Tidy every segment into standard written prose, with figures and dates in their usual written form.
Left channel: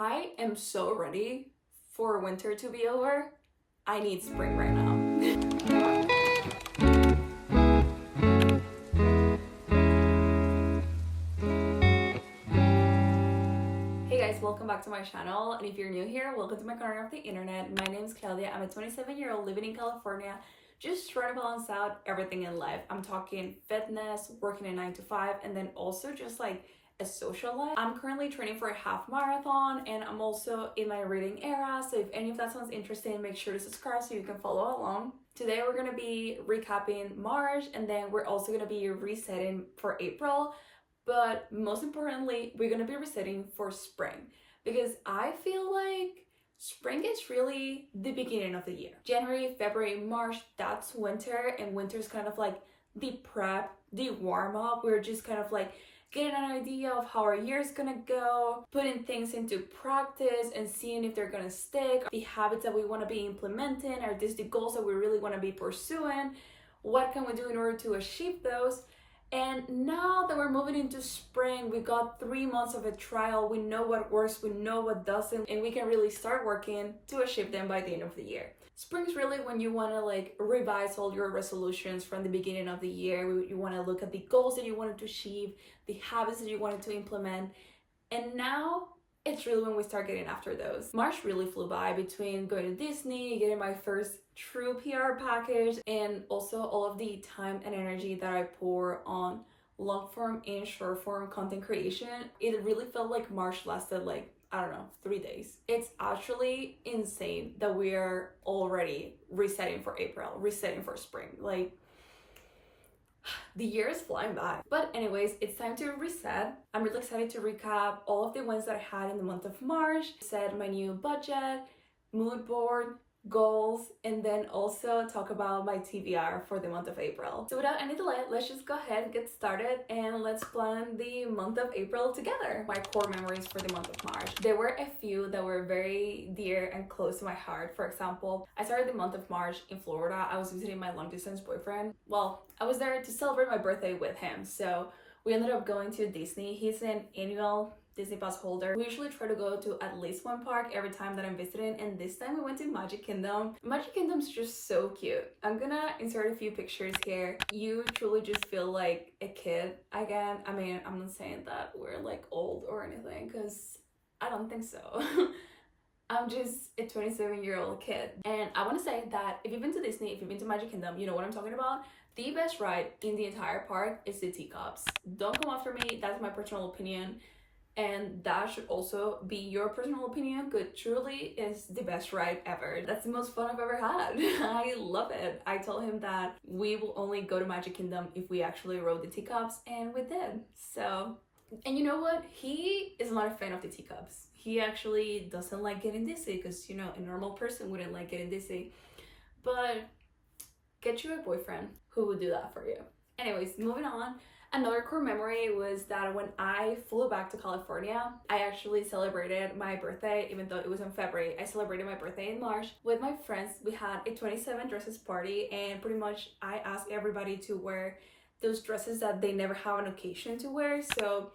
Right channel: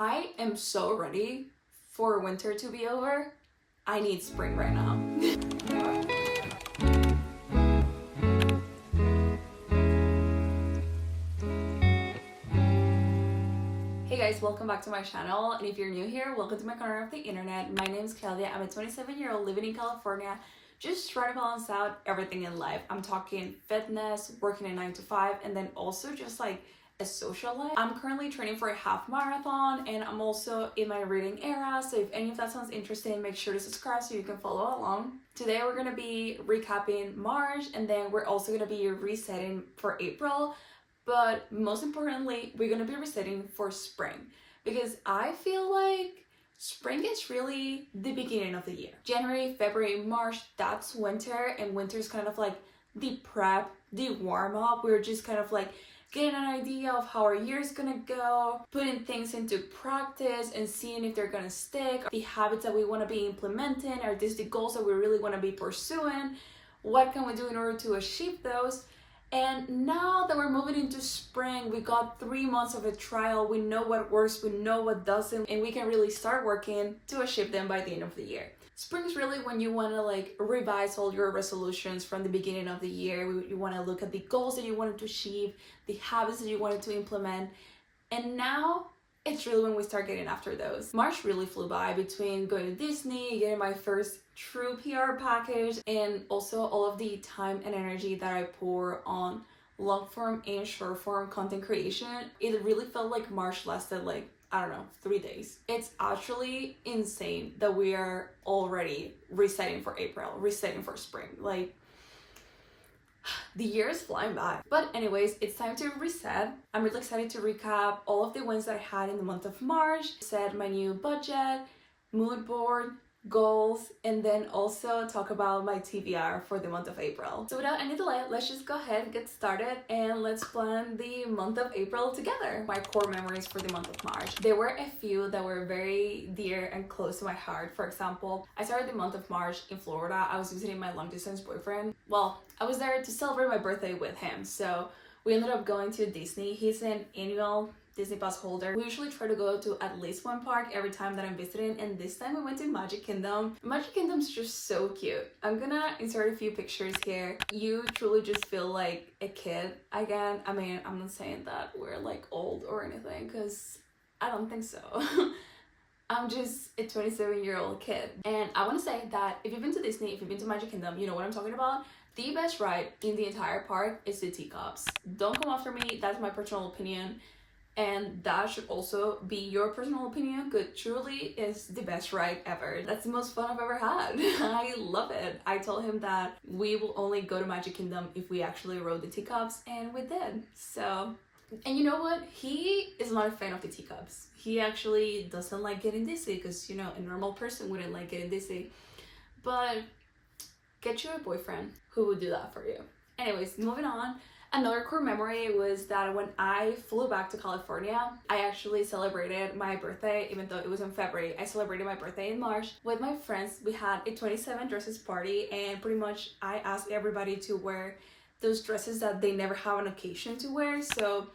I am so ready for winter to be over. I need spring right now. Hey guys, welcome back to my channel, and if you're new here, welcome to my corner of the internet. My name is Claudia. I'm a 27-year-old living in California, just trying to balance out everything in life. I'm talking fitness, working a 9 to 5, and then also just like a social life. I'm currently training for a half marathon, and I'm also in my reading era, so if any of that sounds interesting, make sure to subscribe so you can follow along. Today we're gonna be recapping March, and then we're also gonna be resetting for April. But most importantly, we're gonna be resetting for spring, because I feel like spring is really the beginning of the year. January, February, March, that's winter, and winter is kind of like the prep, the warm up. We're just kind of like getting an idea of how our year is gonna go, putting things into practice and seeing if they're gonna stick, the habits that we wanna be implementing, are these the goals that we really wanna be pursuing, what can we do in order to achieve those. And now that we're moving into spring, we got 3 months of a trial. We know what works, we know what doesn't, and we can really start working to achieve them by the end of the year. Spring is really when you want to like revise all your resolutions from the beginning of the year. You want to look at the goals that you wanted to achieve, the habits that you wanted to implement, and now it's really when we start getting after those. March really flew by between going to Disney, getting my first true PR package, and also all of the time and energy that I pour on long form and short form content creation. It really felt like March lasted like, I don't know, 3 days. It's actually insane that we are already resetting for April, resetting for spring. Like, the year is flying by. But anyways, it's time to reset. I'm really excited to recap all of the wins that I had in the month of March, set my new budget, mood board, goals, and then also talk about my TBR for the month of April. So without any delay, let's just go ahead and get started, and let's plan the month of April together. My core memories for the month of March. There were a few that were very dear and close to my heart. For example, I started the month of March in Florida. I was visiting my long distance boyfriend. Well, I was there to celebrate my birthday with him. So we ended up going to Disney. He's an annual Disney Pass holder. We usually try to go to at least one park every time that I'm visiting, and this time we went to Magic Kingdom. Magic Kingdom's just so cute. I'm gonna insert a few pictures here. You truly just feel like a kid again. I mean, I'm not saying that we're like old or anything, because I don't think so. I'm just a 27-year-old kid. And I want to say that if you've been to Disney, if you've been to Magic Kingdom, you know what I'm talking about. The best ride in the entire park is the teacups. Don't come after me, that's my personal opinion. And that should also be your personal opinion, because truly is the best ride ever. That's the most fun I've ever had. I love it. I told him that we will only go to Magic Kingdom if we actually rode the teacups, and we did. So, and you know what? He is not a fan of the teacups. He actually doesn't like getting dizzy, because, you know, a normal person wouldn't like getting dizzy. But get you a boyfriend who would do that for you. Anyways, moving on. Another core memory was that when I flew back to California, I actually celebrated my birthday, even though it was in February. I celebrated my birthday in March with my friends. We had a 27 dresses party, and pretty much I asked everybody to wear those dresses that they never have an occasion to wear. So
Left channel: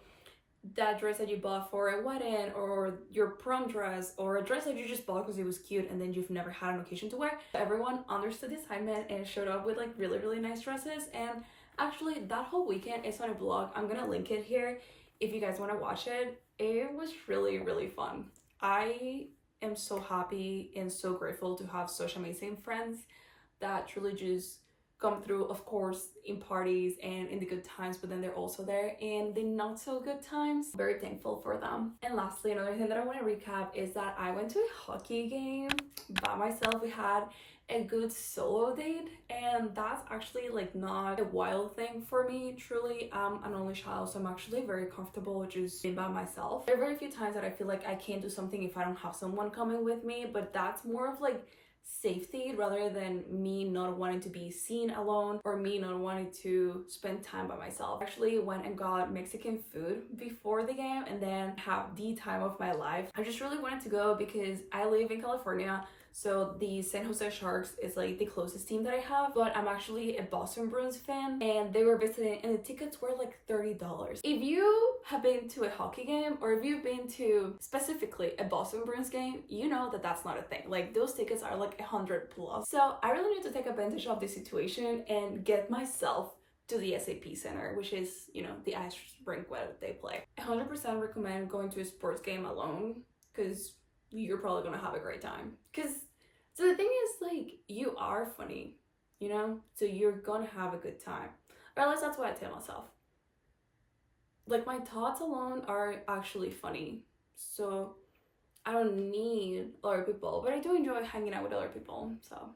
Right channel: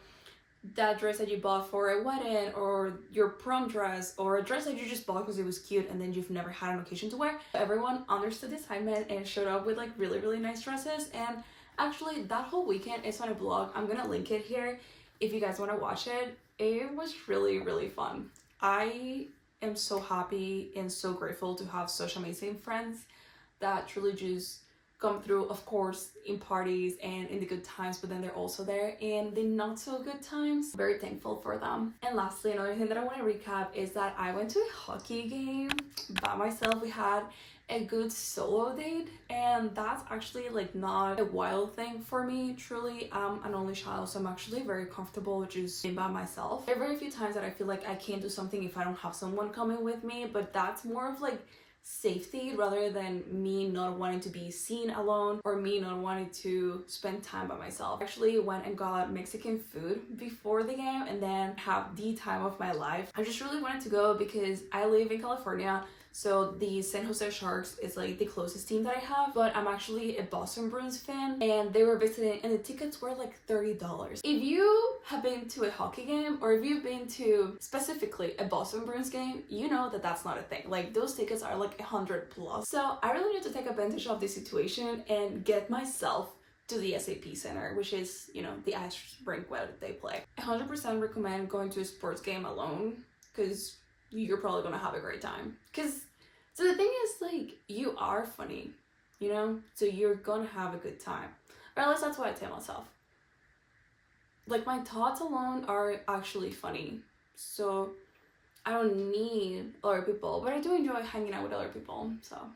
that dress that you bought for a wedding, or your prom dress, or a dress that you just bought because it was cute and then you've never had an occasion to wear. Everyone understood the assignment and showed up with like really, really nice dresses. And actually, that whole weekend is on a blog. I'm gonna link it here if you guys want to watch it. It was really, really fun. I am so happy and so grateful to have such amazing friends that truly just come through, of course, in parties and in the good times, but then they're also there in the not so good times. Very thankful for them. And lastly, another thing that I want to recap is that I went to a hockey game by myself. We had a good solo date, and that's actually like not a wild thing for me. Truly, I'm an only child, so I'm actually very comfortable just being by myself. There are very few times that I feel like I can't do something if I don't have someone coming with me, but that's more of like safety rather than me not wanting to be seen alone or me not wanting to spend time by myself. I actually went and got Mexican food before the game and then have the time of my life. I just really wanted to go because I live in California, So the San Jose Sharks is like the closest team that I have, but I'm actually a Boston Bruins fan, and they were visiting and the tickets were like $30. If you have been to a hockey game, or if you've been to specifically a Boston Bruins game, you know that that's not a thing. Like those tickets are like 100 plus. So I really need to take advantage of this situation and get myself to the SAP Center, which is, you know, the ice rink where they play. 100% recommend going to a sports game alone, because you're probably gonna have a great time. So the thing is, like, you are funny, you know? So you're gonna have a good time. Or at least that's what I tell myself. Like, my thoughts alone are actually funny. So I don't need other people, but I do enjoy hanging out with other people, so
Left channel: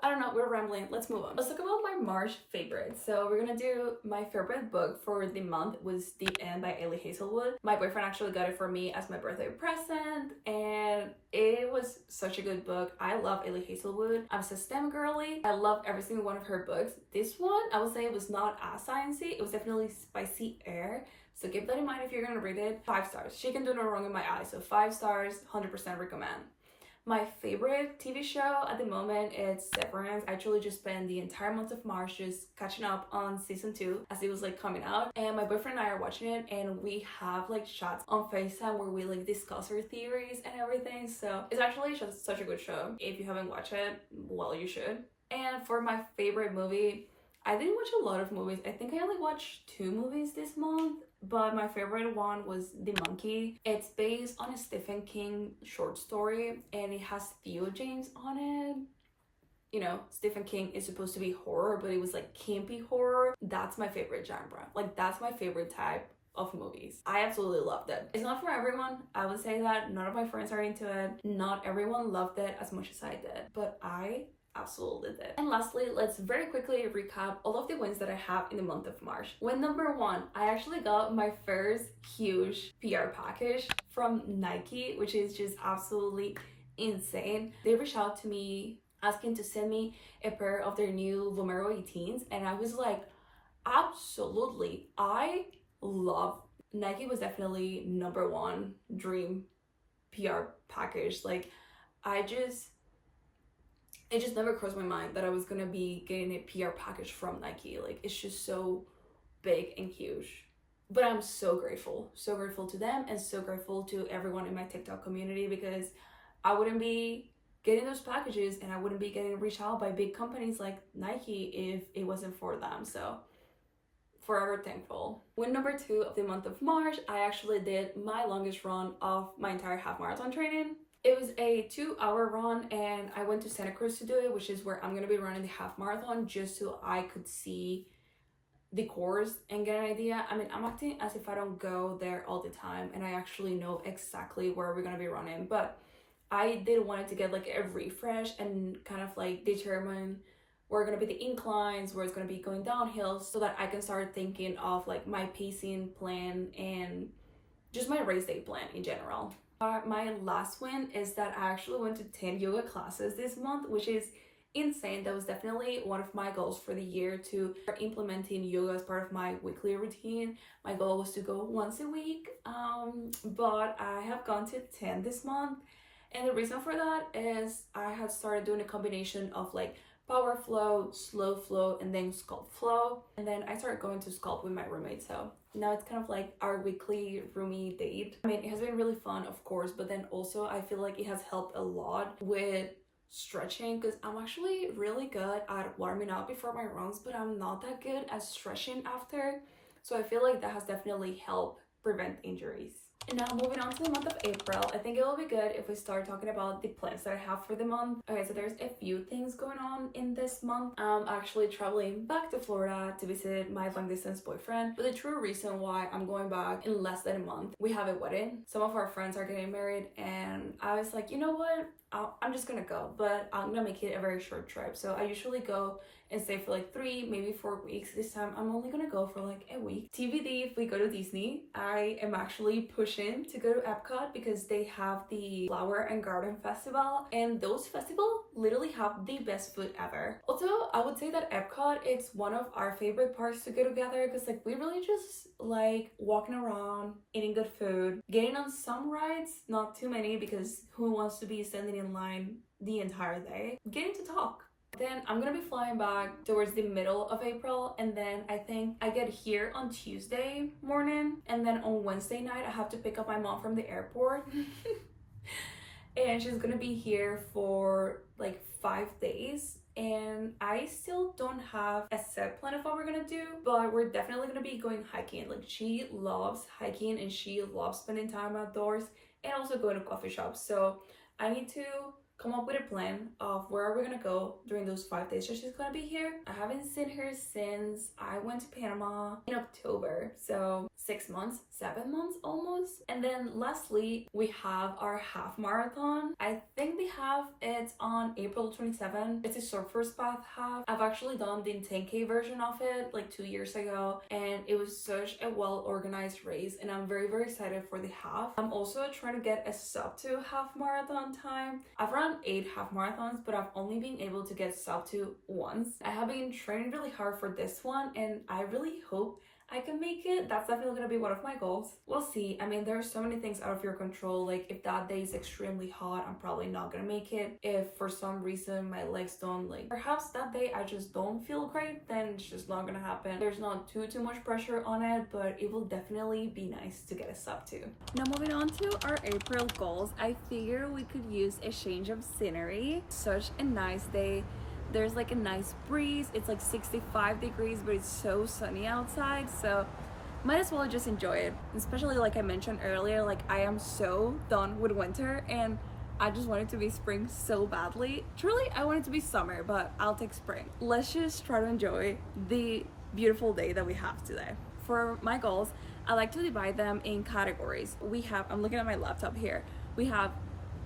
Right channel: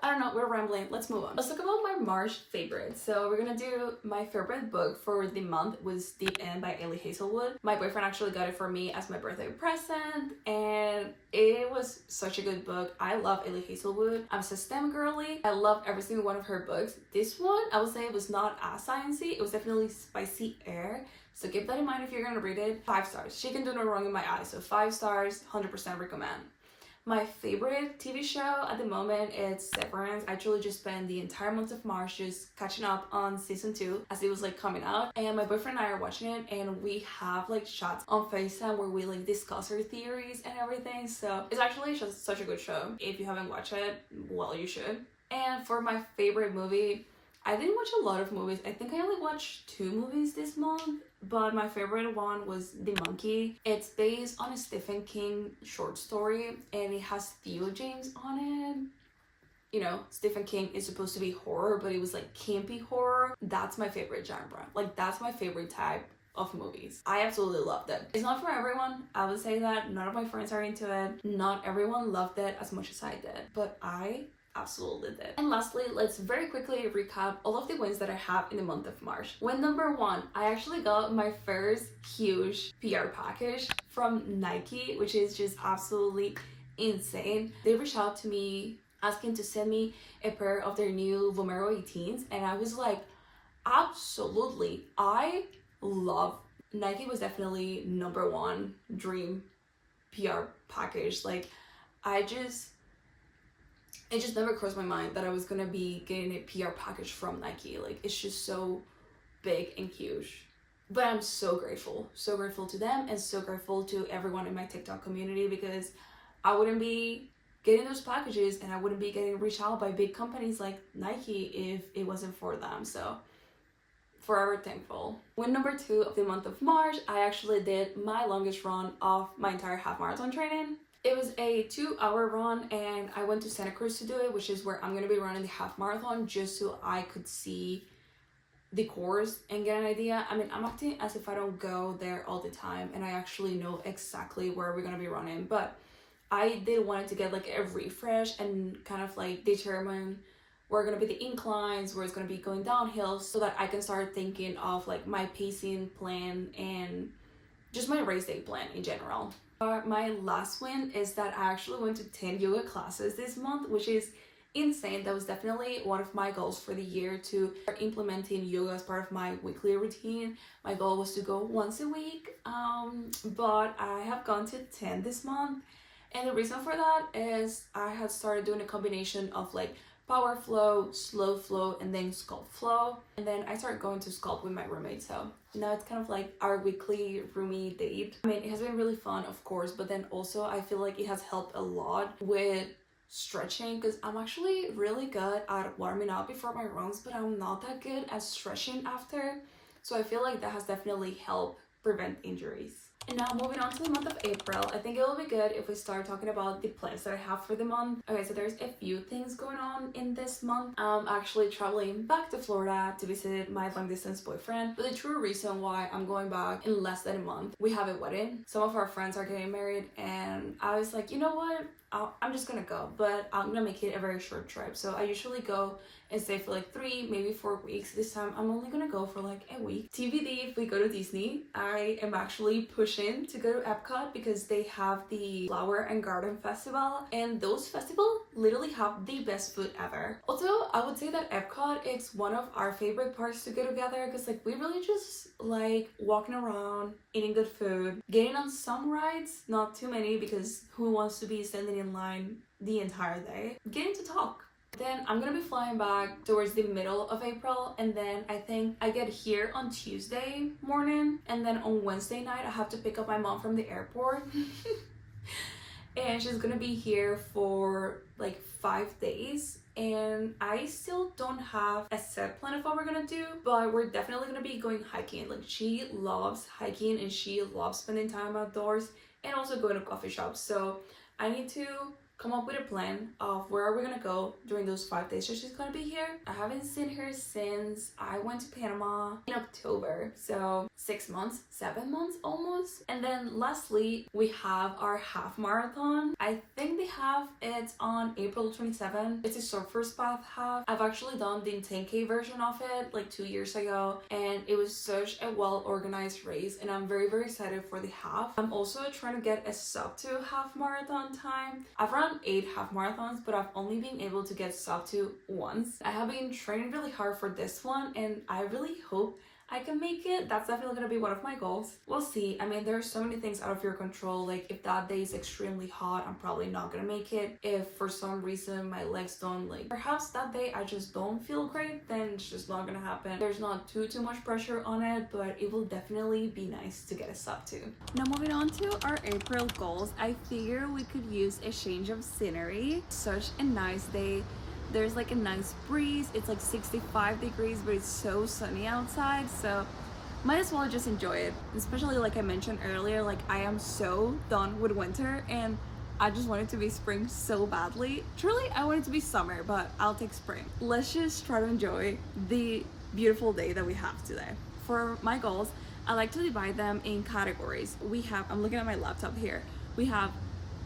I don't know, we're rambling. Let's move on. Let's talk about my March favorites. So we're gonna do my favorite book for the month was Deep End by Ellie Hazelwood. My boyfriend actually got it for me as my birthday present, and it was such a good book. I love Ellie Hazelwood. I'm a STEM girly. I love every single one of her books. This one, I would say it was not as sciencey. It was definitely spicy air. So keep that in mind if you're gonna read it. 5 stars. She can do no wrong in my eyes. So 5 stars, 100% recommend. My favorite TV show at the moment is Severance. I actually just spent the entire month of March just catching up on season 2 as it was like coming out, and my boyfriend and I are watching it, and we have like chats on FaceTime where we like discuss our theories and everything. So it's actually just such a good show. If you haven't watched it, well, you should. And for my favorite movie, I didn't watch a lot of movies. I think I only watched 2 movies this month, but my favorite one was The Monkey. It's based on a Stephen King short story, and it has Theo James on it. You know, Stephen King is supposed to be horror, but it was like campy horror. That's my favorite genre. Like, that's my favorite type of movies. I absolutely loved it. It's not for everyone. I would say that none of my friends are into it. Not everyone loved it as much as I did, but I absolutely did. And lastly, let's very quickly recap all of the wins that I have in the month of March. Win number 1, I actually got my first huge PR package from Nike, which is just absolutely insane. They reached out to me asking to send me a pair of their new Vomero 18s, and I was like, absolutely. I love Nike. Was definitely number 1 dream PR package. Like, it just never crossed my mind that I was gonna be getting a PR package from Nike. Like, it's just so big and huge. But I'm so grateful to them, and so grateful to everyone in my TikTok community, because I wouldn't be getting those packages and I wouldn't be getting reached out by big companies like Nike if it wasn't for them. So forever thankful. Win number 2 of the month of March, I actually did my longest run of my entire half marathon training. It was a 2-hour run, and I went to Santa Cruz to do it, which is where I'm gonna be running the half marathon, just so I could see the course and get an idea. I mean, I'm acting as if I don't go there all the time, and I actually know exactly where we're gonna be running, but I did want to get like a refresh and kind of like determine where are gonna be the inclines, where it's gonna be going downhill, so that I can start thinking of like my pacing plan and just my race day plan in general. My last win is that I actually went to 10 yoga classes this month, which is insane. That was definitely one of my goals for the year, to start implementing yoga as part of my weekly routine. My goal was to go once a week, but I have gone to 10 this month. And the reason for that is I had started doing a combination of like power flow, slow flow, and then sculpt flow. And then I started going to sculpt with my roommate. So now it's kind of like our weekly roomie date. I mean, it has been really fun, of course, but then also I feel like it has helped a lot with stretching, because I'm actually really good at warming up before my runs, but I'm not that good at stretching after. So I feel like that has definitely helped prevent injuries. And now moving on to the month of April, I think it will be good if we start talking about the plans that I have for the month. Okay, so there's a few things going on in this month. I'm actually traveling back to Florida to visit my long distance boyfriend. But the true reason why I'm going back in less than a month, we have a wedding. Some of our friends are getting married, and I was like, you know what? I'm just gonna go, but I'm gonna make it a very short trip. So I usually go and stay for like 3, maybe 4 weeks. This time I'm only gonna go for like a week. TBD if we go to Disney. I am actually pushing to go to Epcot because they have the Flower and Garden Festival, and those festivals literally have the best food ever. Also, I would say that Epcot is one of our favorite parks to go together because like we really just like walking around, eating good food, getting on some rides, not too many because who wants to be standing in line the entire day, getting to talk. Then I'm gonna be flying back towards the middle of April, and then I think I get here on Tuesday morning, and then on Wednesday night I have to pick up my mom from the airport and she's gonna be here for like 5 days, and I still don't have a set plan of what we're gonna do, but we're definitely gonna be going hiking. Like she loves hiking and she loves spending time outdoors and also going to coffee shops, so I need to come up with a plan of where are we gonna go during those 5 days that she's gonna be here. I haven't seen her since I went to Panama in October, so 6 months, 7 months almost. And then lastly, we have our half marathon. I think the half it's on April 27th. It's a Surfer's Path half. I've actually done the 10K version of it like 2 years ago, and it was such a well-organized race, and I'm very excited for the half. I'm also trying to get a sub 2 half marathon time. I've run 8 half marathons, but I've only been able to get sub 2 once. I have been training really hard for this one, and I really hope I can make it. That's definitely gonna be one of my goals. We'll see. I mean, there are so many things out of your control. Like if that day is extremely hot, I'm probably not gonna make it. If for some reason my legs don't, like perhaps that day I just don't feel great, then it's just not gonna happen. There's not too much pressure on it, but it will definitely be nice to get a sub 2. Now moving on to our April goals, I figure we could use a change of scenery. Such a nice day. There's like a nice breeze. It's like 65 degrees, but it's so sunny outside, so might as well just enjoy it. Especially like I mentioned earlier, like I am so done with winter and I just want it to be spring so badly. Truly, I want it to be summer, but I'll take spring. Let's just try to enjoy the beautiful day that we have today. For my goals, I like to divide them in categories. We have, I'm looking at my laptop here, we have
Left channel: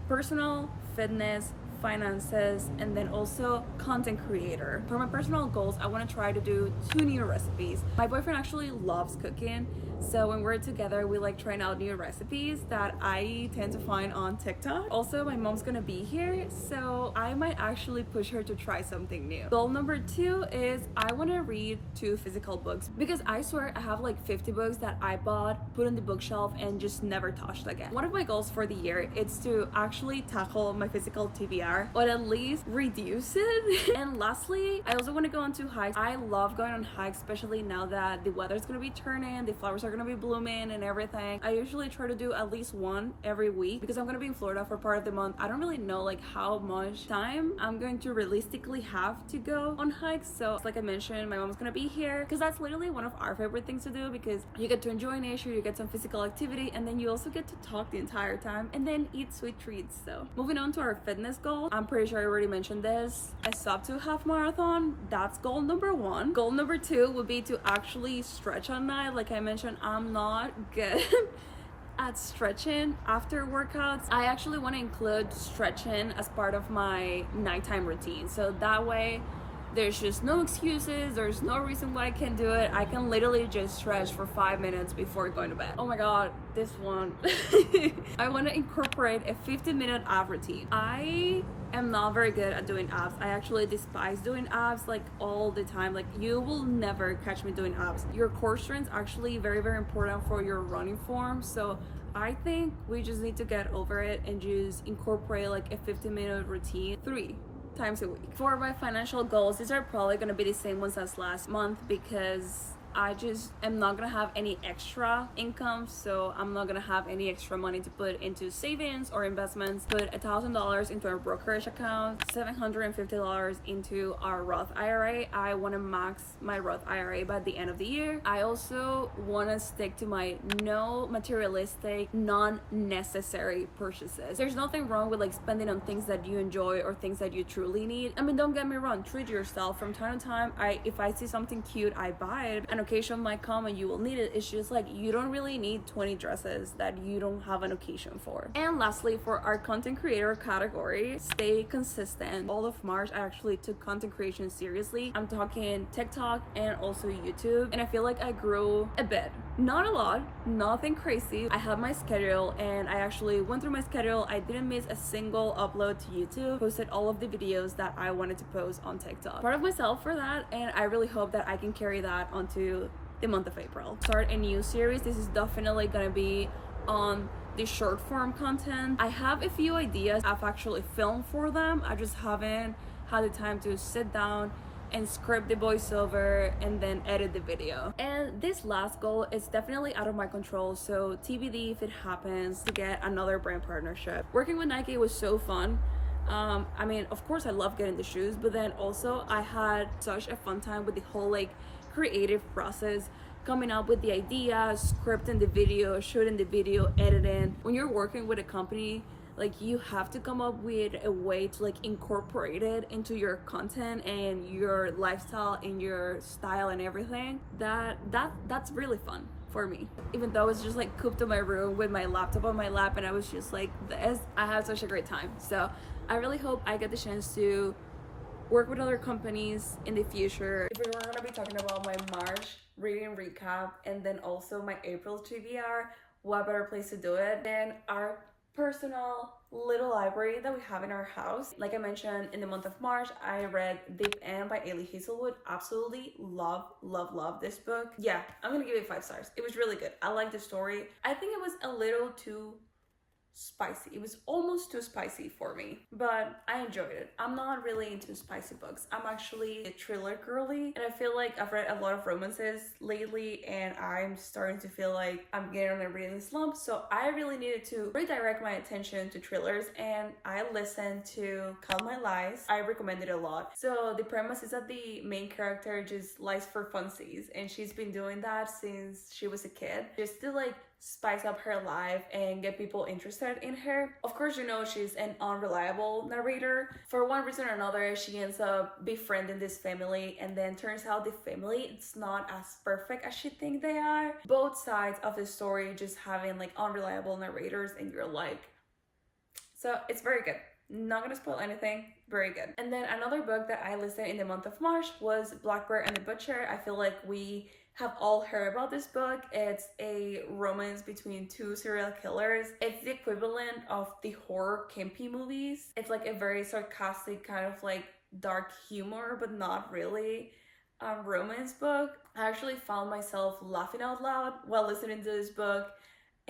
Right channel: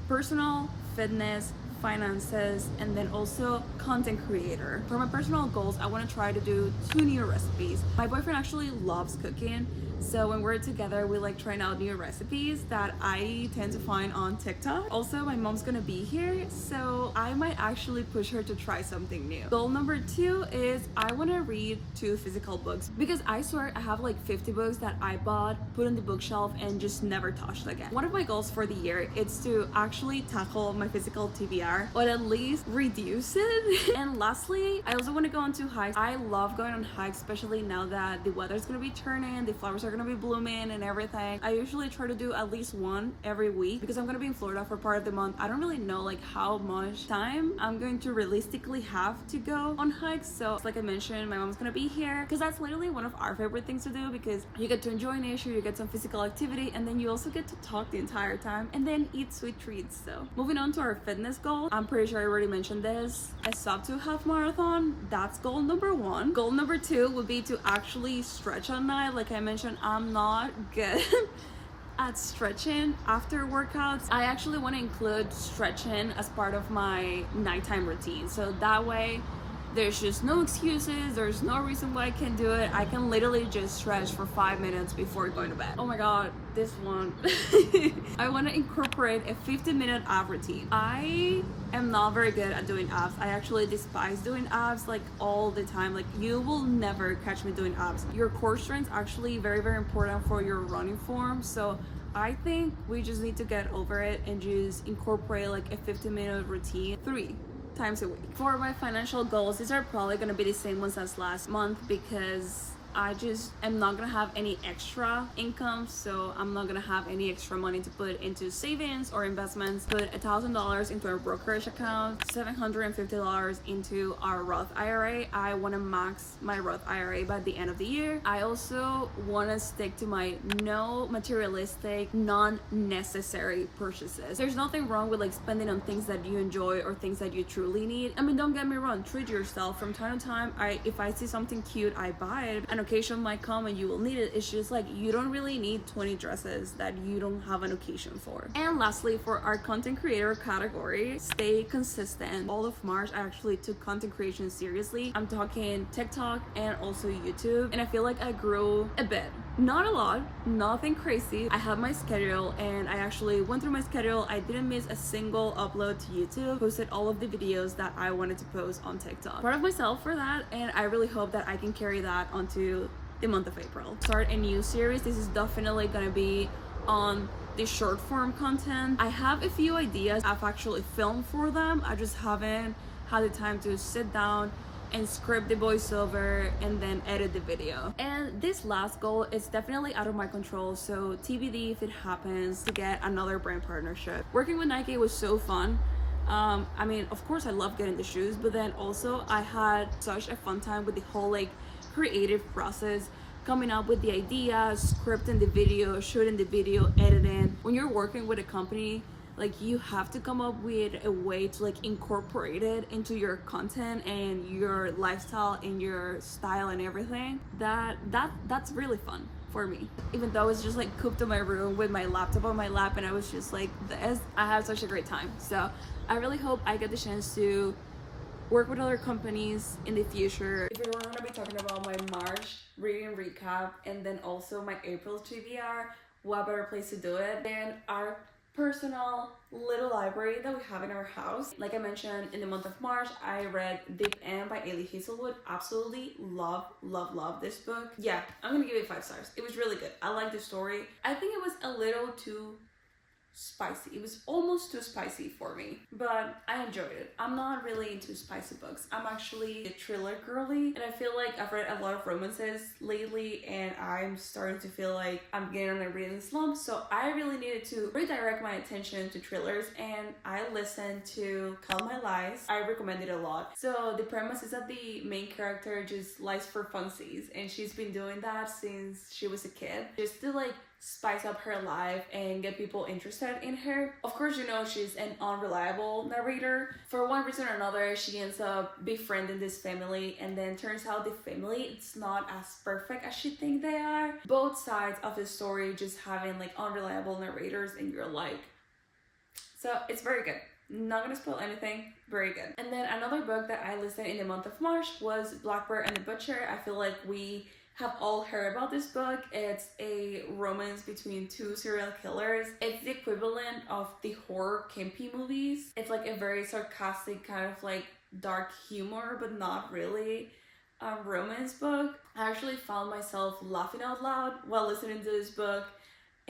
personal, fitness, finances, and then also content creator. For my personal goals, I want to try to do 2 new recipes. My boyfriend actually loves cooking, so when we're together we like trying out new recipes that I tend to find on TikTok. Also, my mom's gonna be here, so I might actually push her to try something new. Goal number 2 is I want to read 2 physical books, because I swear I have like 50 books that I bought, put on the bookshelf, and just never touched again. One of my goals for the year is to actually tackle my physical TBR, or at least reduce it. And lastly, I also want to go on 2 hikes. I love going on hikes, especially now that the weather's gonna be turning, the flowers are gonna be blooming and everything. I usually try to do at least 1 every week because I'm gonna be in Florida for part of the month. I don't really know like how much time I'm going to realistically have to go on hikes, so like I mentioned, my mom's gonna be here because that's literally one of our favorite things to do, because you get to enjoy nature, you get some physical activity, and then you also get to talk the entire time and then eat sweet treats. So moving on to our fitness goal, I'm pretty sure I already mentioned this, a sub 2 half marathon. That's goal number 1. Goal number 2 would be to actually stretch at night. Like I mentioned, I'm not good at stretching after workouts. I actually want to include stretching as part of my nighttime routine, so that way there's just no excuses, there's no reason why I can't do it. I can literally just stretch for 5 minutes before going to bed. Oh my god, this one. I want to incorporate a 15-minute ab routine. I am not very good at doing abs. I actually despise doing abs like all the time. Like you will never catch me doing abs. Your core strength is actually very important for your running form, so I think we just need to get over it and just incorporate like a 15-minute routine 3 times a week. For my financial goals, these are probably gonna be the same ones as last month because I just am not gonna have any extra income, so I'm not gonna have any extra money to put into savings or investments. Put $1,000 into our brokerage account, $750 into our Roth IRA. I want to max my Roth IRA by the end of the year. I also want to stick to my no materialistic, non-necessary purchases. There's nothing wrong with like spending on things that you enjoy or things that you truly need. I mean, don't get me wrong, treat yourself from time to time. If I see something cute, I buy it, and occasion might come and you will need it. It's just like you don't really need 20 dresses that you don't have an occasion for. And lastly, for our content creator category, stay consistent. All of March, I actually took content creation seriously. I'm talking TikTok and also YouTube, and I feel like I grew a bit. Not a lot, nothing crazy. I had my schedule and I actually went through my schedule. I didn't miss a single upload to YouTube, posted all of the videos that I wanted to post on TikTok. Proud of myself for that, and I really hope that I can carry that onto the month of April. Start a new series. This is definitely gonna be on the short form content. I have a few ideas. I've actually filmed for them. I just haven't had the time to sit down and script the voiceover and then edit the video. And this last goal is definitely out of my control, so TBD if it happens, to get another brand partnership. Working with Nike was so fun. I mean, of course I love getting the shoes, but then also I had such a fun time with the whole like creative process, coming up with the idea, scripting the video, shooting the video, editing. When you're working with a company, like you have to come up with a way to like incorporate it into your content and your lifestyle and your style and everything. That's really fun for me. Even though I was just like cooped in my room with my laptop on my lap and I was just like this, I had such a great time. So I really hope I get the chance to work with other companies in the future. If we're gonna be talking about my March reading recap and then also my April TBR, what better place to do it than our personal little library that we have in our house. Like I mentioned, in the month of March, I read Deep End by Ailey Hazelwood. Absolutely love this book. Yeah, I'm gonna give it 5 stars. It was really good. I like the story. I think it was a little too spicy. It was almost too spicy for me, but I enjoyed it. I'm not really into spicy books. I'm actually a thriller girly, and I feel like I've read a lot of romances lately and I'm starting to feel like I'm getting on a reading slump, so I really needed to redirect my attention to thrillers, and I listened to Count My Lies. I recommend it a lot. So the premise is that the main character just lies for funsies, and she's been doing that since she was a kid, just to like spice up her life and get people interested in her. Of course, you know, she's an unreliable narrator. For one reason or another, she ends up befriending this family, and then turns out the family, it's not as perfect as she thinks they are. Both sides of the story just having like unreliable narrators, and you're like, so it's very good. Not gonna spoil anything, very good. And then another book that I listened in the month of March was Blackbird and the Butcher. I feel like we have all heard about this book. It's a romance between 2 serial killers. It's the equivalent of the horror campy movies. It's like a very sarcastic kind of like dark humor, but not really a romance book. I actually found myself laughing out loud while listening to this book.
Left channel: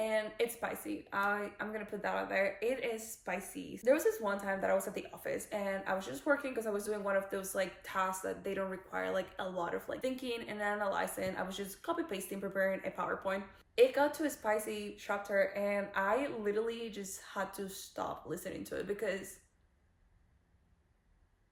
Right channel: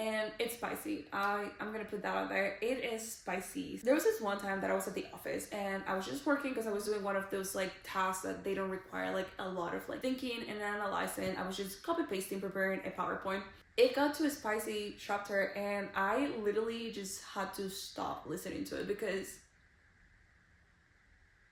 And it's spicy. I'm gonna put that out there. It is spicy. There was this one time that I was at the office and I was just working because I was doing one of those like tasks that they don't require like a lot of like thinking and analyzing. I was just copy pasting, preparing a PowerPoint. It got to a spicy chapter and I literally just had to stop listening to it, because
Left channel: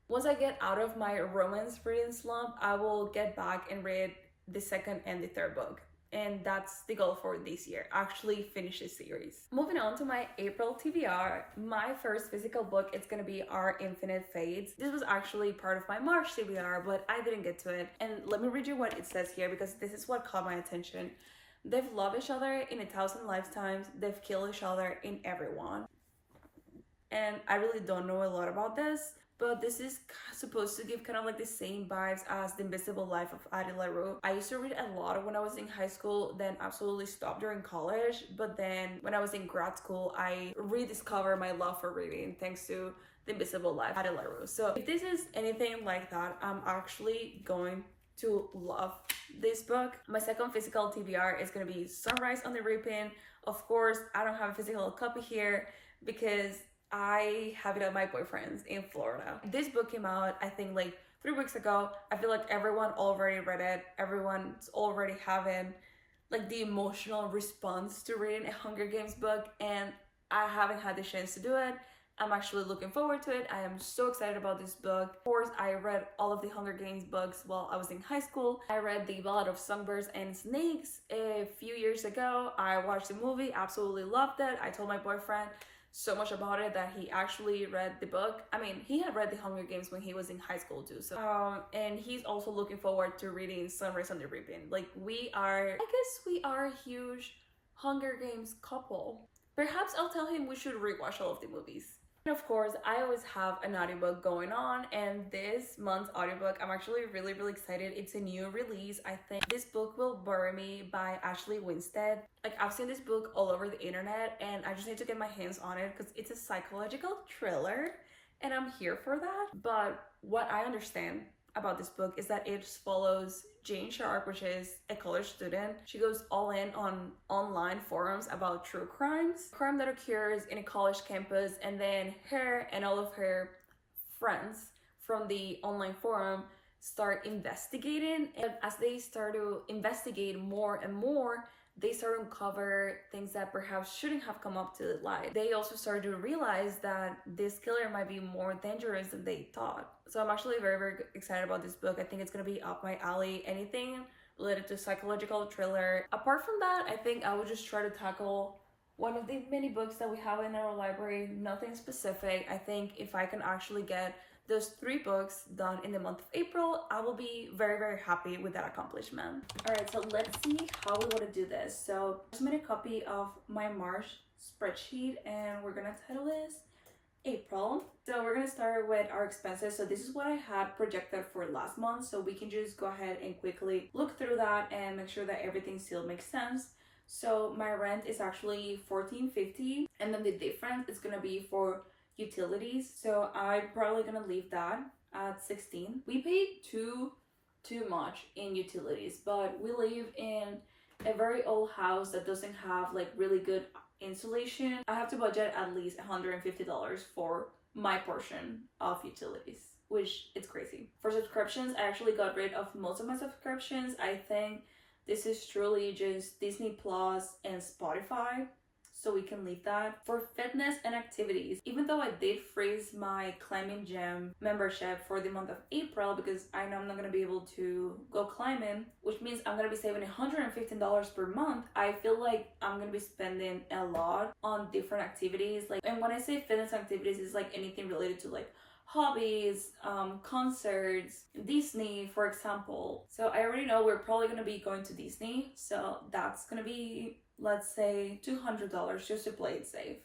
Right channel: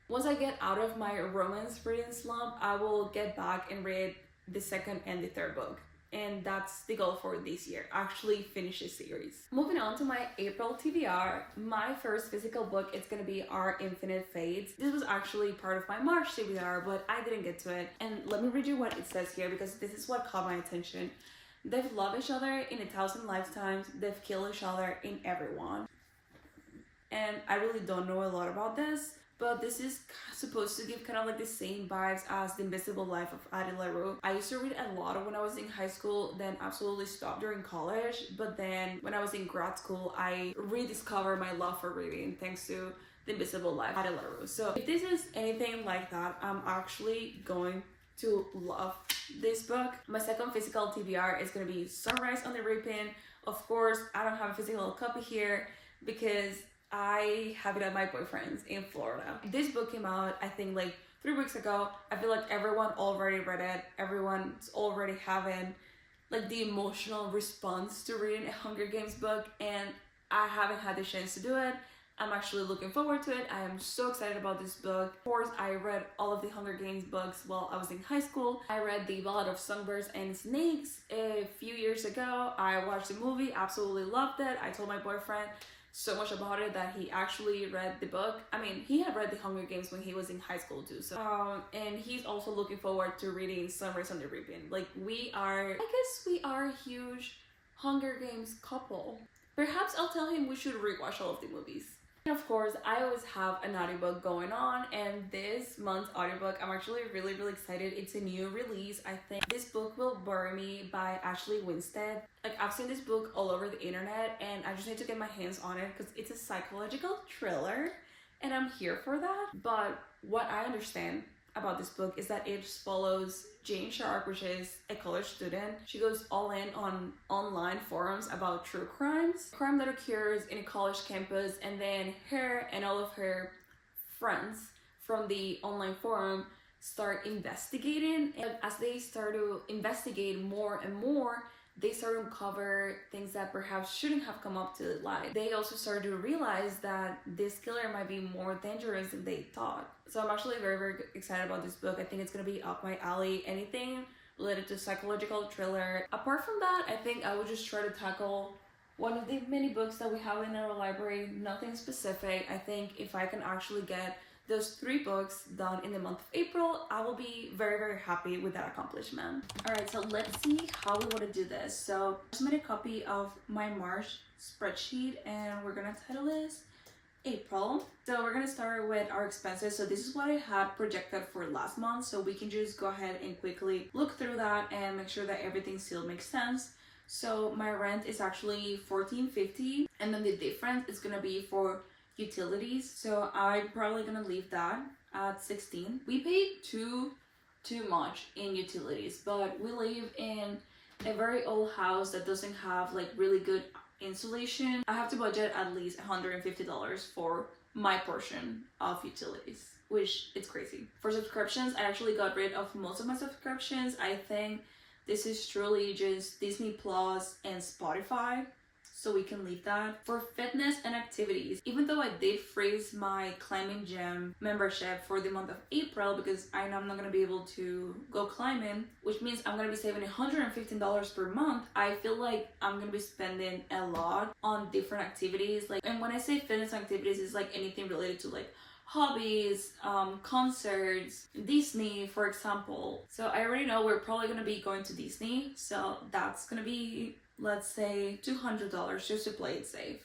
once I get out of my romance reading slump, I will get back and read the second and the third book. And that's the goal for this year, actually finish this series. Moving on to my April TBR, my first physical book is gonna be Our Infinite Fades. This was actually part of my March TBR, but I didn't get to it. And let me read you what it says here, because this is what caught my attention. They've loved each other in 1,000 lifetimes. They've killed each other in everyone. And I really don't know a lot about this, but this is supposed to give kind of like the same vibes as The Invisible Life of Addie LaRue. I used to read a lot when I was in high school, then absolutely stopped during college. But then when I was in grad school, I rediscovered my love for reading thanks to The Invisible Life of Addie LaRue. So if this is anything like that, I'm actually going to love this book. My second physical TBR is going to be Sunrise on the Reaping. Of course, I don't have a physical copy here because I have it at my boyfriend's in Florida. This book came out, I think, like 3 weeks ago. I feel like everyone already read it. Everyone's already having like the emotional response to reading a Hunger Games book, and I haven't had the chance to do it. I'm actually looking forward to it. I am so excited about this book. Of course, I read all of the Hunger Games books while I was in high school. I read The Ballad of Songbirds and Snakes a few years ago. I watched the movie, absolutely loved it. I told my boyfriend, so much about it that he actually read the book. I mean, he had read The Hunger Games when he was in high school too. So, and he's also looking forward to reading Sunrise on the Reaping. Like, I guess we are a huge Hunger Games couple. Perhaps I'll tell him we should rewatch all of the movies. And of course, I always have an audiobook going on, and this month's audiobook, I'm actually really excited. It's a new release. I think this book will bury me by Ashley Winstead. Like, I've seen this book all over the internet, and I just need to get my hands on it because it's a psychological thriller, and I'm here for that. But what I understand about this book is that it follows Jane Sharp, which is a college student. She goes all in on online forums about true crime that occurs in a college campus, and then her and all of her friends from the online forum start investigating, and as they start to investigate more and more, they start to uncover things that perhaps shouldn't have come up to the light. They also started to realize that this killer might be more dangerous than they thought. So I'm actually very excited about this book. I think it's gonna be up my alley. Anything related to psychological thriller. Apart from that, I think I would just try to tackle one of the many books that we have in our library. Nothing specific. I think if I can actually get those 3 books done in the month of April, I will be very happy with that accomplishment. Alright, so let's see how we want to do this. So I just made a copy of my March spreadsheet, and we're gonna title this April. So we're gonna start with our expenses. So this is what I had projected for last month, so we can just go ahead and quickly look through that and make sure that everything still makes sense. So my rent is actually $14.50, and then the difference is gonna be for utilities, so I'm probably gonna leave that at $16. We paid too much in utilities, but we live in a very old house that doesn't have like really good insulation. I have to budget at least $150 for my portion of utilities, which it's crazy. For subscriptions, I actually got rid of most of my subscriptions. I think this is truly just Disney Plus and Spotify, so we can leave that. For fitness and activities, even though I did freeze my climbing gym membership for the month of April because I know I'm not gonna be able to go climbing, which means I'm gonna be saving $115 per month, I feel like I'm gonna be spending a lot on different activities. Like, and when I say fitness activities, it's like anything related to like hobbies, concerts, Disney, for example. So I already know we're probably gonna be going to Disney, so that's gonna be, let's say, $200 just to play it safe.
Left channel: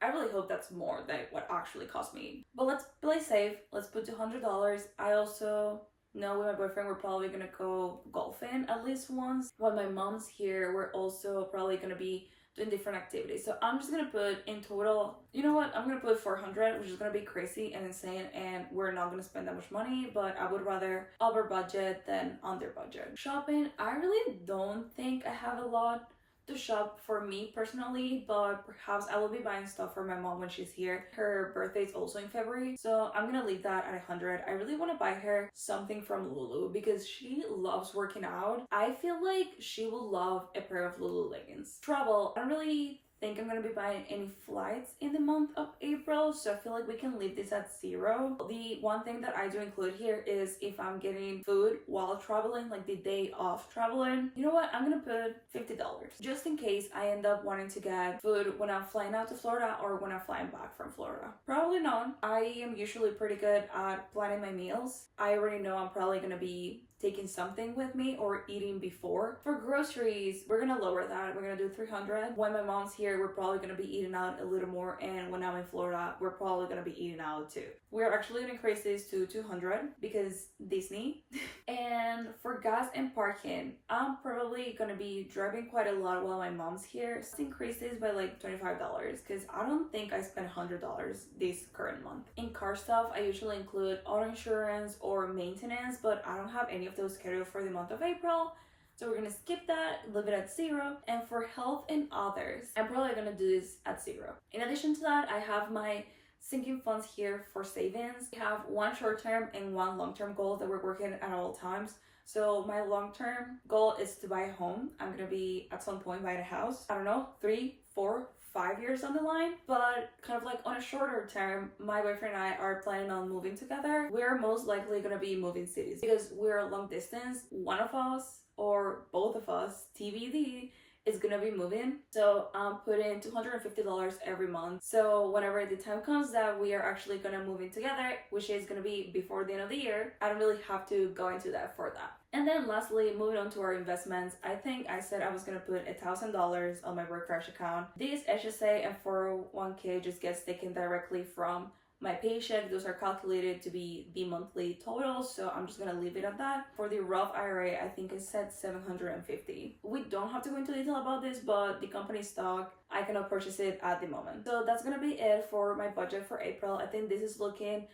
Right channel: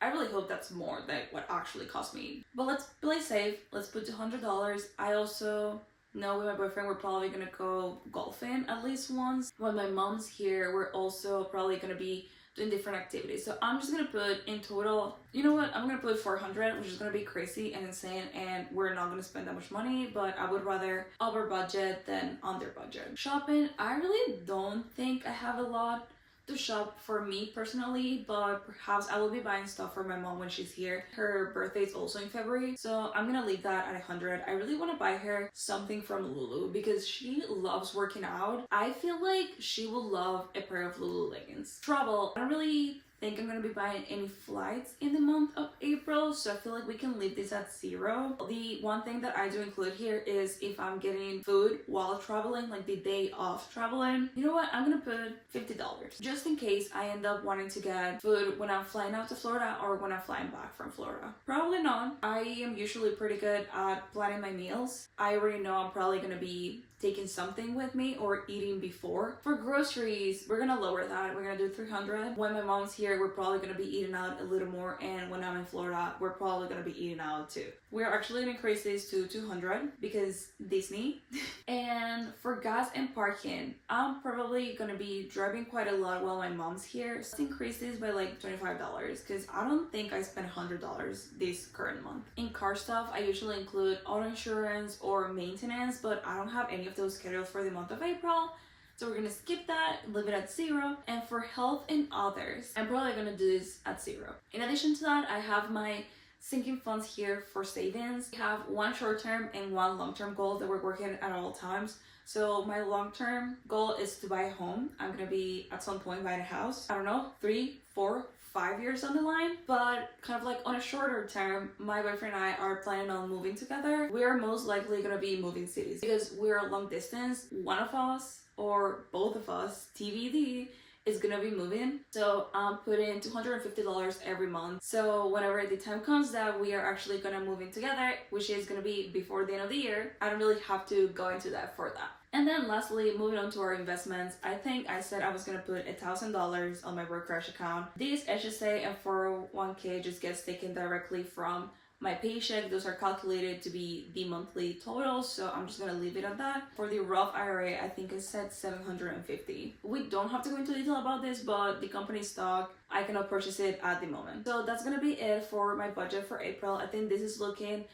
I really hope that's more than what actually cost me, but let's play safe. Let's put $200. I also know with my boyfriend we're probably gonna go golfing at least once. When my mom's here, we're also probably gonna be doing different activities. So I'm just gonna put in total, you know what, I'm gonna put 400, which is gonna be crazy and insane, and we're not gonna spend that much money, but I would rather over budget than under budget. Shopping, I really don't think I have a lot to shop for me personally, but perhaps I will be buying stuff for my mom when she's here. Her birthday is also in February, so I'm gonna leave that at 100. I really want to buy her something from Lulu because she loves working out. I feel like she will love a pair of Lulu leggings. Travel, I don't really think I'm gonna be buying any flights in the month of April, so I feel like we can leave this at 0. The one thing that I do include here is if I'm getting food while traveling, like the day of traveling, you know what, I'm gonna put $50 just in case I end up wanting to get food when I'm flying out to Florida or when I'm flying back from Florida. Probably not. I am usually pretty good at planning my meals. I already know I'm probably gonna be taking something with me or eating before. For groceries, we're gonna lower that. We're gonna do 300. When my mom's here, we're probably gonna be eating out a little more, and when I'm in Florida, we're probably gonna be eating out too. We're actually gonna increase this to 200 because Disney. And for gas and parking, I'm probably gonna be driving quite a lot while my mom's here. Let's increase this by like $25 because I don't think I spent $100 this current month. In car stuff, I usually include auto insurance or maintenance, but I don't have any of those scheduled for the month of April, so we're gonna skip that, leave it at 0. And for health and others, I'm probably gonna do this at 0. In addition to that, I have my sinking funds here for savings. We have one short-term and one long-term goal that we're working at all times. So my long-term goal is to buy a home. I'm gonna be at some point buying a house, I don't know, 3, 4, 5 years on the line. But kind of like on a shorter term, my boyfriend and I are planning on moving together. We're most likely gonna be moving cities because we're long distance. One of us or both of us, TBD, is gonna be moving. So I'm putting $250 every month. So whenever the time comes that we are actually gonna move in together, which is gonna be before the end of the year, I don't really have to go into that for that. And then lastly, moving on to our investments, I think I said I was gonna put $1,000 on my Workfresh account. This HSA and 401k just gets taken directly from my paycheck. Those are calculated to be the monthly total, so I'm just gonna leave it at that. For the Roth IRA, I think I said $750. We don't have to go into detail about this, but the company stock, I cannot purchase it at the moment. So that's gonna be it for my budget for April. I think this is looking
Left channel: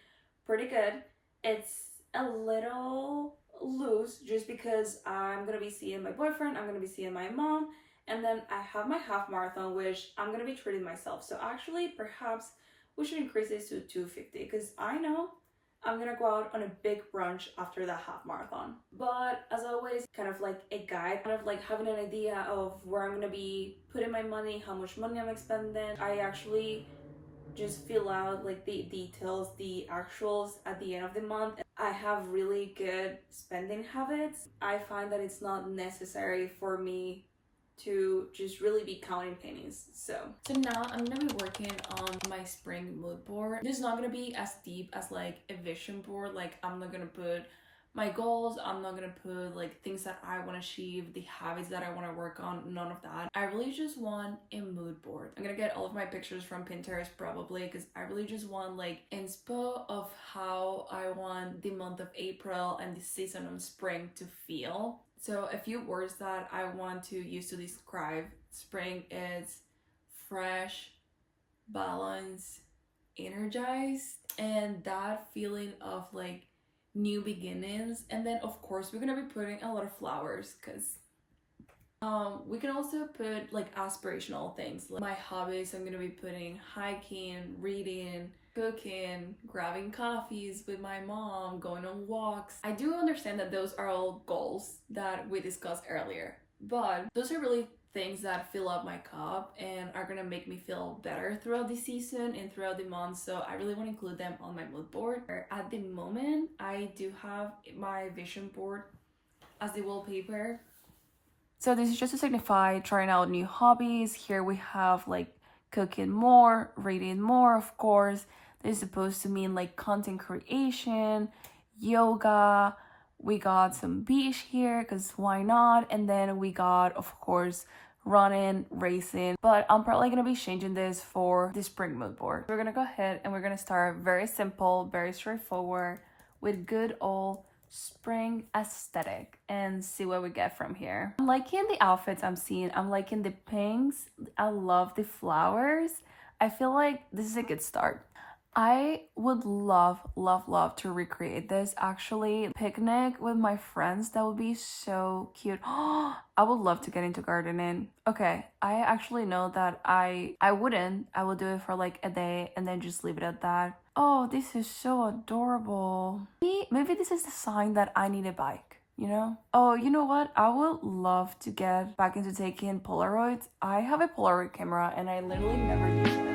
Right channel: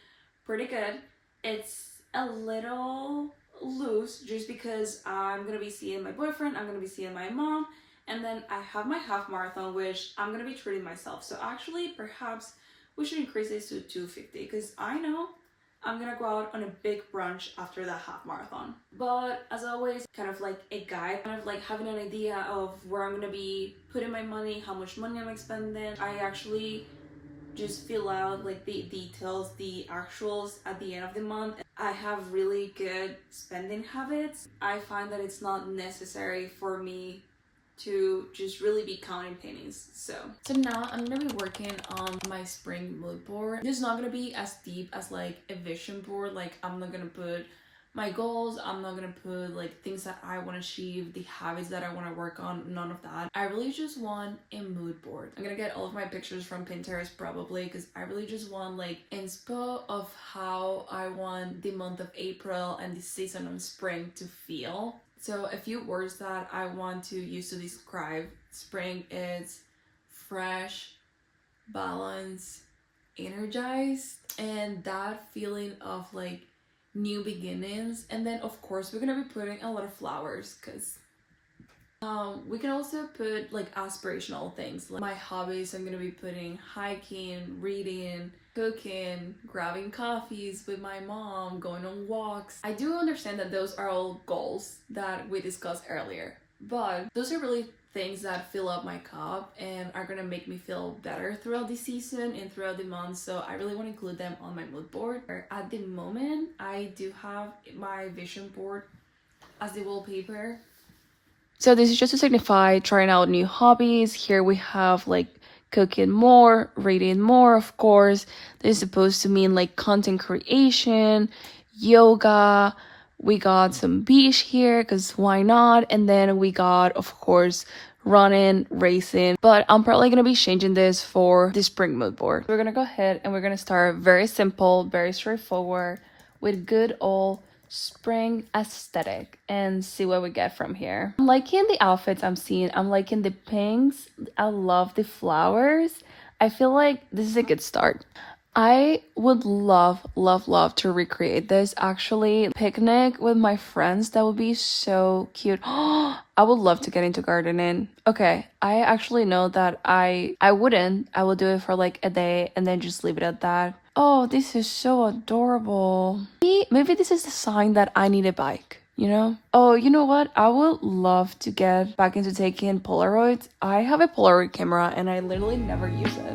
pretty good. It's a little loose just because I'm gonna be seeing my boyfriend, I'm gonna be seeing my mom, and then I have my half marathon, which I'm gonna be treating myself. So actually, perhaps we should increase this to 250 because I know I'm gonna go out on a big brunch after that half marathon. But as always, kind of like a guide, kind of like having an idea of where I'm gonna be putting my money, how much money I'm expending. I actually just fill out like the details, the actuals at the end of the month. I have really good spending habits. I find that it's not necessary for me to just really be counting pennies. So now I'm gonna be working on my spring mood board. This is not gonna be as deep as like a vision board. Like I'm not gonna put my goals, I'm not gonna put like things that I want to achieve, the habits that I want to work on, none of that. I really just want a mood board. I'm gonna get all of my pictures from Pinterest probably because I really just want like inspo of how I want the month of April and the season of spring to feel. So a few words that I want to use to describe spring is fresh, balanced, energized, and that feeling of like new beginnings. And then of course we're gonna be putting a lot of flowers because we can also put like aspirational things. Like my hobbies, I'm gonna be putting hiking, reading, cooking, grabbing coffees with my mom, going on walks. I do understand that those are all goals that we discussed earlier, but those are really things that fill up my cup and are gonna make me feel better throughout the season and throughout the month. So I really want to include them on my mood board. At the moment, I do have my vision board as the wallpaper. So this is just to signify trying out new hobbies. Here we have like cooking more, reading more, of course. This is supposed to mean like content creation, yoga. We got some beach here because why not? And then we got, of course, running, racing. But I'm probably going to be changing this for the spring mood board. We're going to go ahead and we're going to start very simple, very straightforward with good old spring aesthetic and see what we get from here. I'm liking the outfits I'm seeing. I'm liking the pinks. I love the flowers. I feel like this is a good start. I would love to recreate this actually. Picnic with my friends, that would be so cute. I would love to get into gardening. Okay, I actually know that I wouldn't. I will do it for like a day and then just leave it at that. Oh, this is so adorable. Maybe this is the sign that I need a bike, you know? Oh, you know what? I would love to get back into taking Polaroids. I have a Polaroid camera and I literally never use it.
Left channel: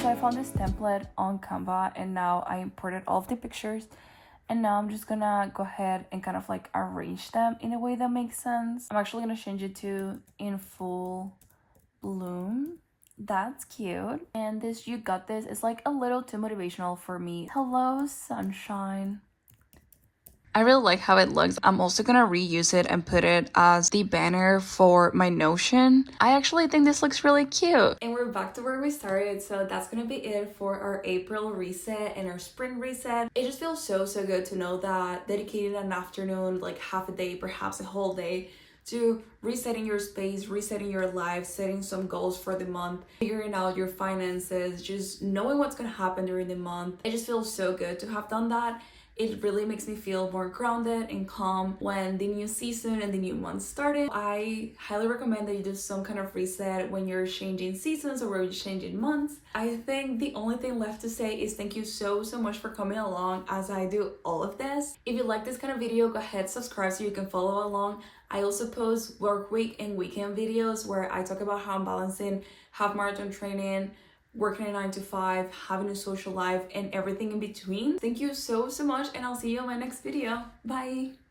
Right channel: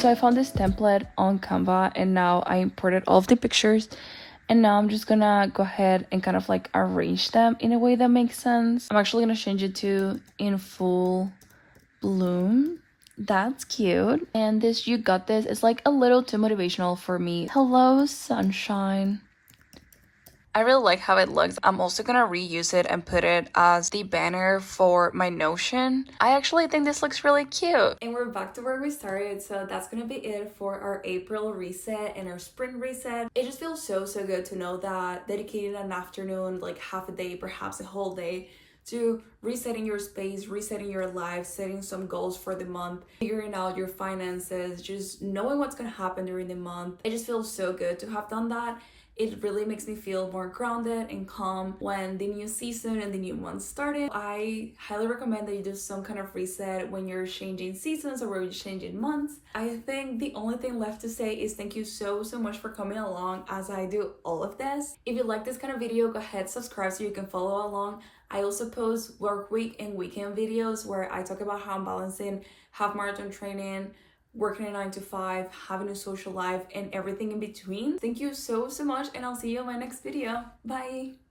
So I found this template on Canva and now I imported all of the pictures and now I'm just gonna go ahead and kind of like arrange them in a way that makes sense. I'm actually gonna change it to in full bloom. That's cute. And this You Got This is like a little too motivational for me. Hello, sunshine. I really like how it looks. I'm also gonna reuse it and put it as the banner for my Notion. I actually think this looks really cute. And we're back to where we started, so that's gonna be it for our April reset and our spring reset. It just feels so good to know that dedicating an afternoon, like half a day, perhaps a whole day, to resetting your space, resetting your life, setting some goals for the month, figuring out your finances, just knowing what's gonna happen during the month. It just feels so good to have done that. It really makes me feel more grounded and calm when the new season and the new month started. I highly recommend that you do some kind of reset when you're changing seasons or when you're changing months. I think the only thing left to say is thank you so much for coming along as I do all of this. If you like this kind of video, go ahead, subscribe so you can follow along. I also post work week and weekend videos where I talk about how I'm balancing half marathon training, working a 9 to 5, having a social life, and everything in between. Thank you so much, and I'll see you in my next video. Bye!